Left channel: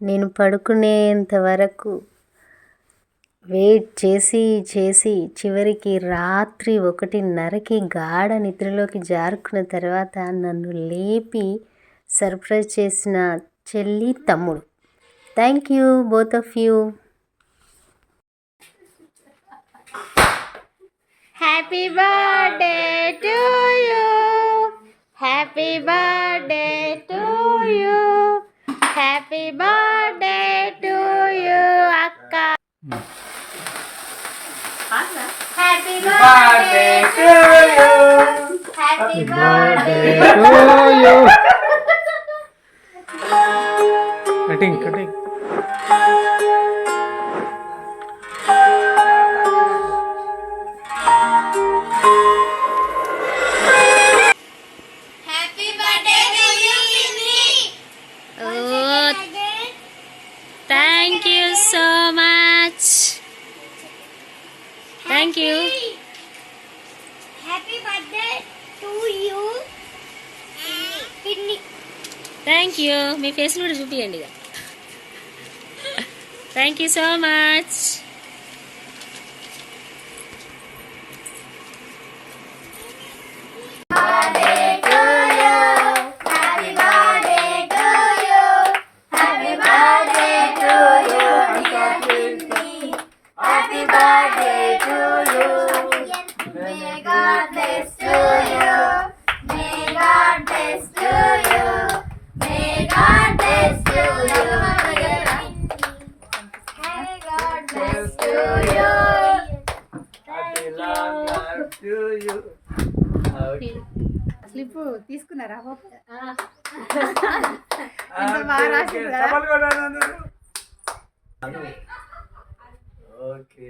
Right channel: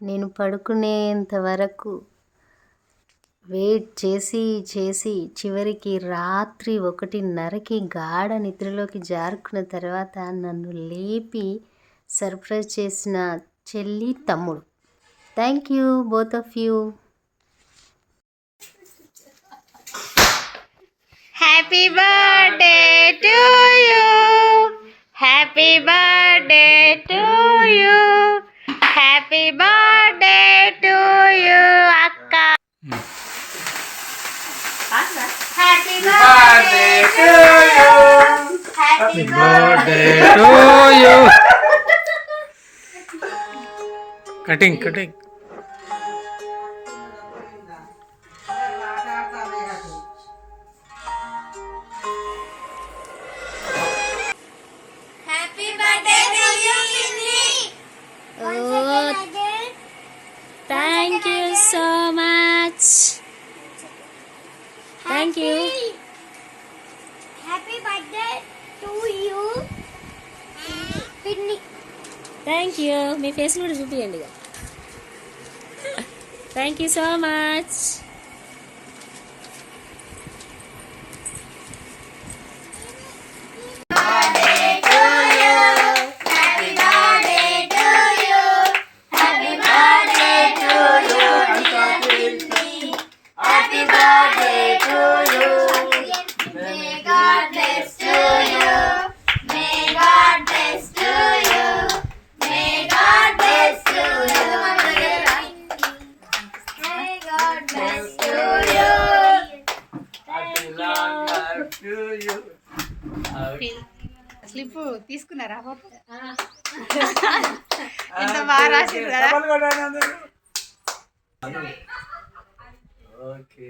నేను పడుకునేంత వరకు వెయిట్ చేసి చేసి చివరికి రాత్రి 1:30కి గాఢ నిద్రలోకి జారుకున్న తర్వాత నన్ను లేపి సర్ప్రైజ్ చేసిన చెల్లి, తమ్ముడు. Thank you both of you. Happy birthday to you, happy birthday to you, happy birthday to you అక్క. Happy birthday to you, happy birthday to you. Cutting cutting. Thank you so much. Thank you. Happy birthday to you. Pinni. Thank you. Me face కూడా చూపియండి. Thank you so much. Slip తీసుకున్నారా? ఎంత బాగా రాసింది కదా. Okay.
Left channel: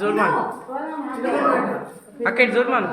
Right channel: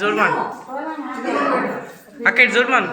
జోర్మాన్ అక్క, ఇటు జోర్మాన్.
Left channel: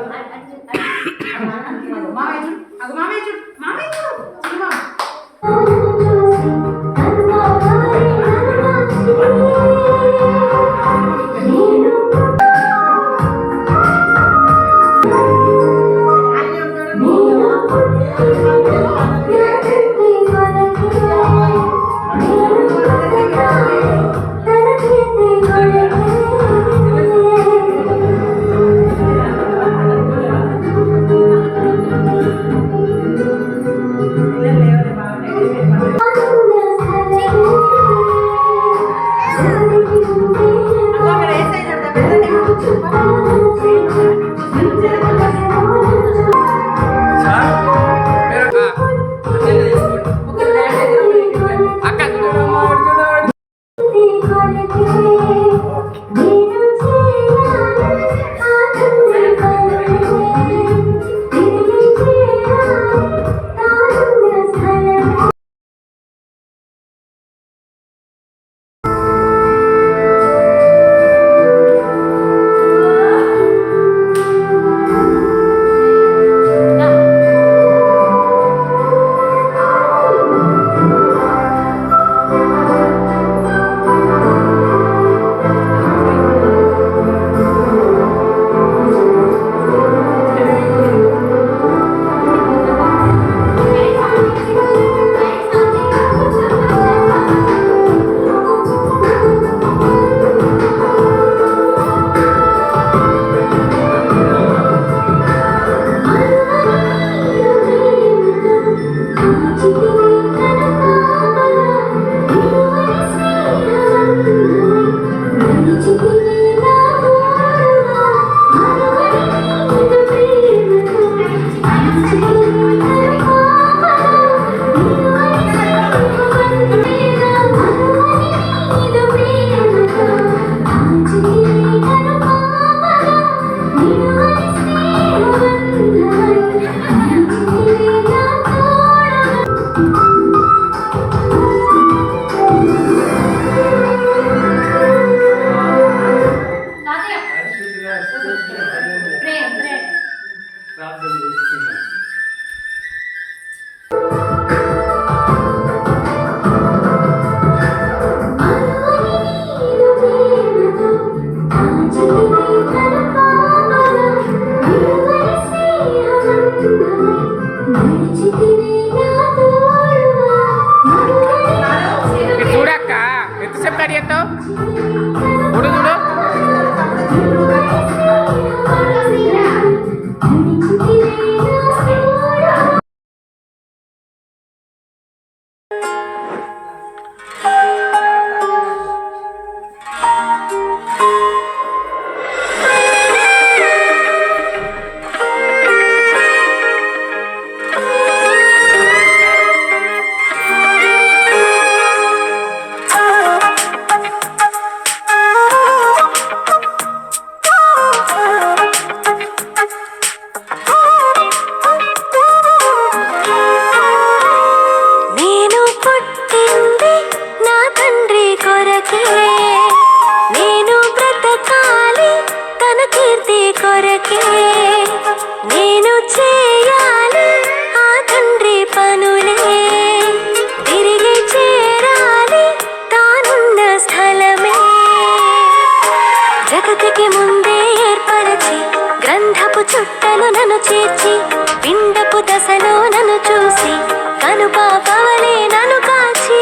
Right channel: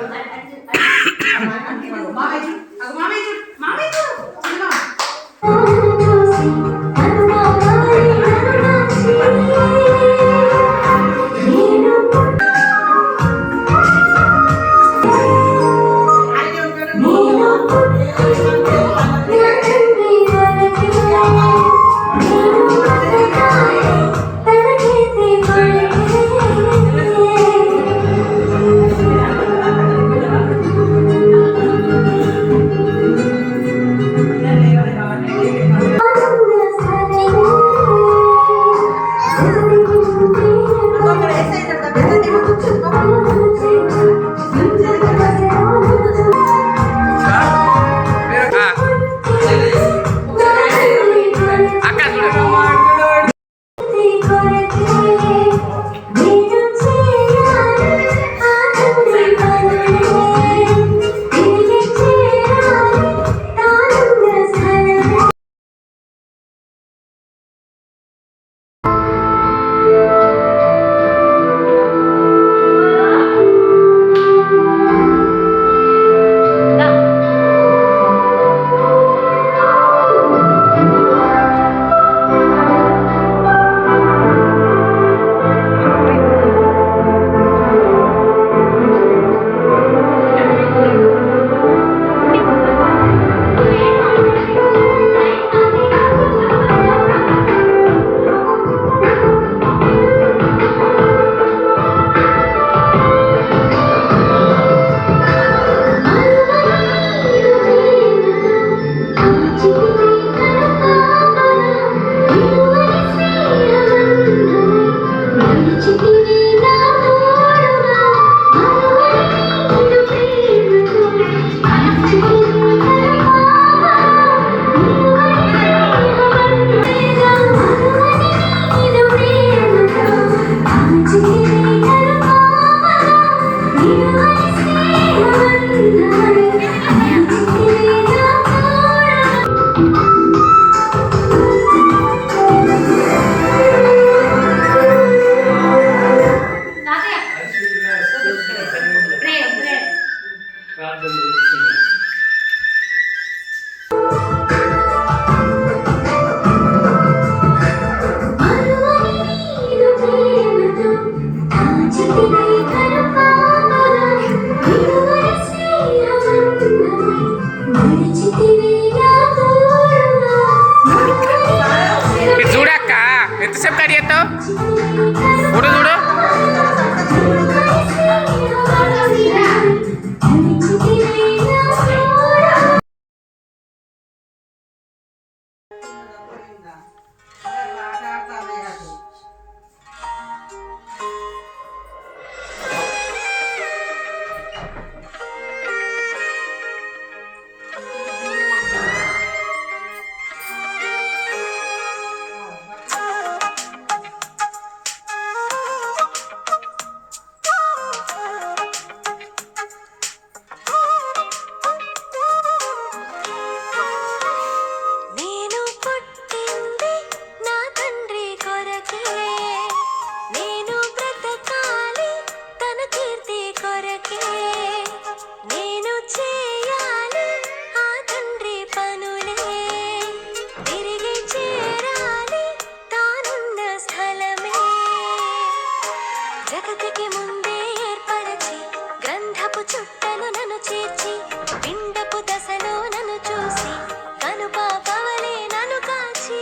పిండపు దశలో నన్ను చూసి కనుపాపవలే నన్ను కాచి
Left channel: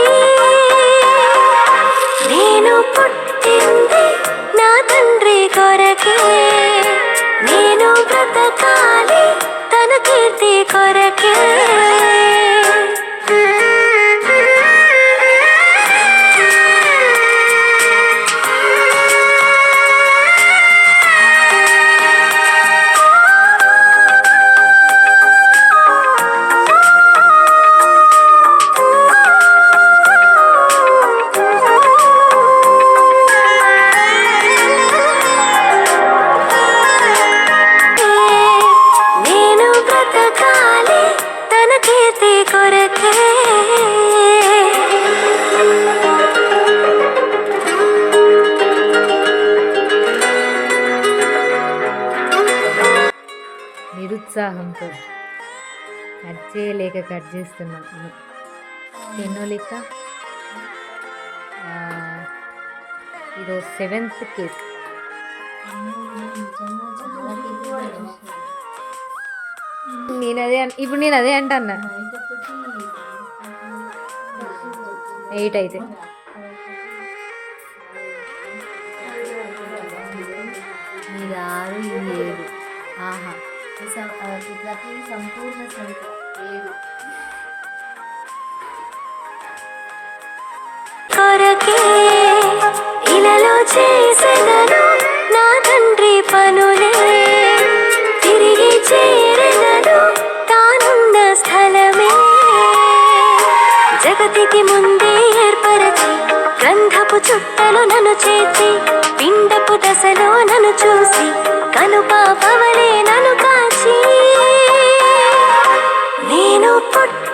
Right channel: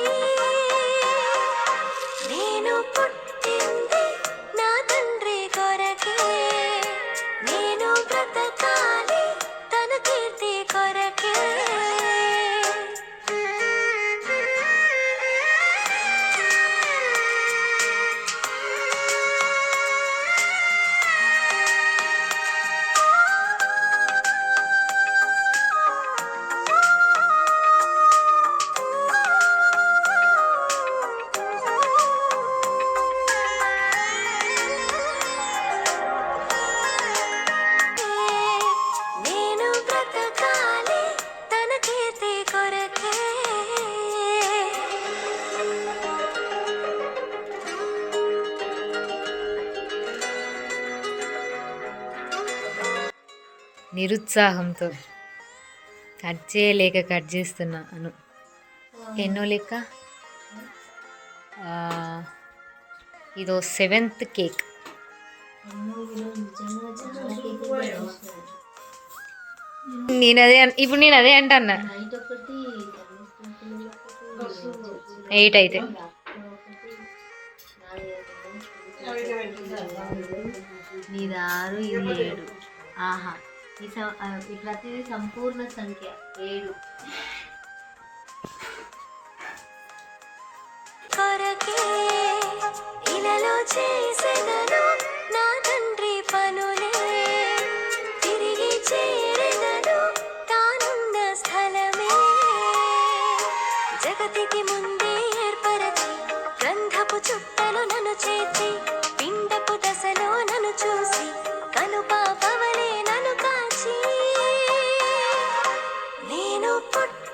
నేను పుట్టింది నా తండ్రి కొరకే నేను బ్రతకాలి తన కీర్తి కొరకే నేను బ్రతకాలి తన కీర్తి కొరకే నిరుత్సాహంతో కట్ చేయలేక కట్ చేస్తున్నాను ఎన్నో లెక్క ఇదో 7th కేక్ ఇప్పుడు నేను అదే అంటన్నా 8 అయితే ఇది 6 ఇది 7 ఆహా ప్రతి సంపూర్ణ సంఖ్య 7 కొరకే ఇలలో చేసెదను నా తండ్రి పనులే తిరిగి చేరెదను తానున్న స్థలమే జగతికి ముందే ఏర్పరచి గంధపు చుట్టలు నన్ను చేర్చి పిండపు దశలో నన్ను చూసి కనుపాపవలే నన్ను కాచి నేను పుట్ట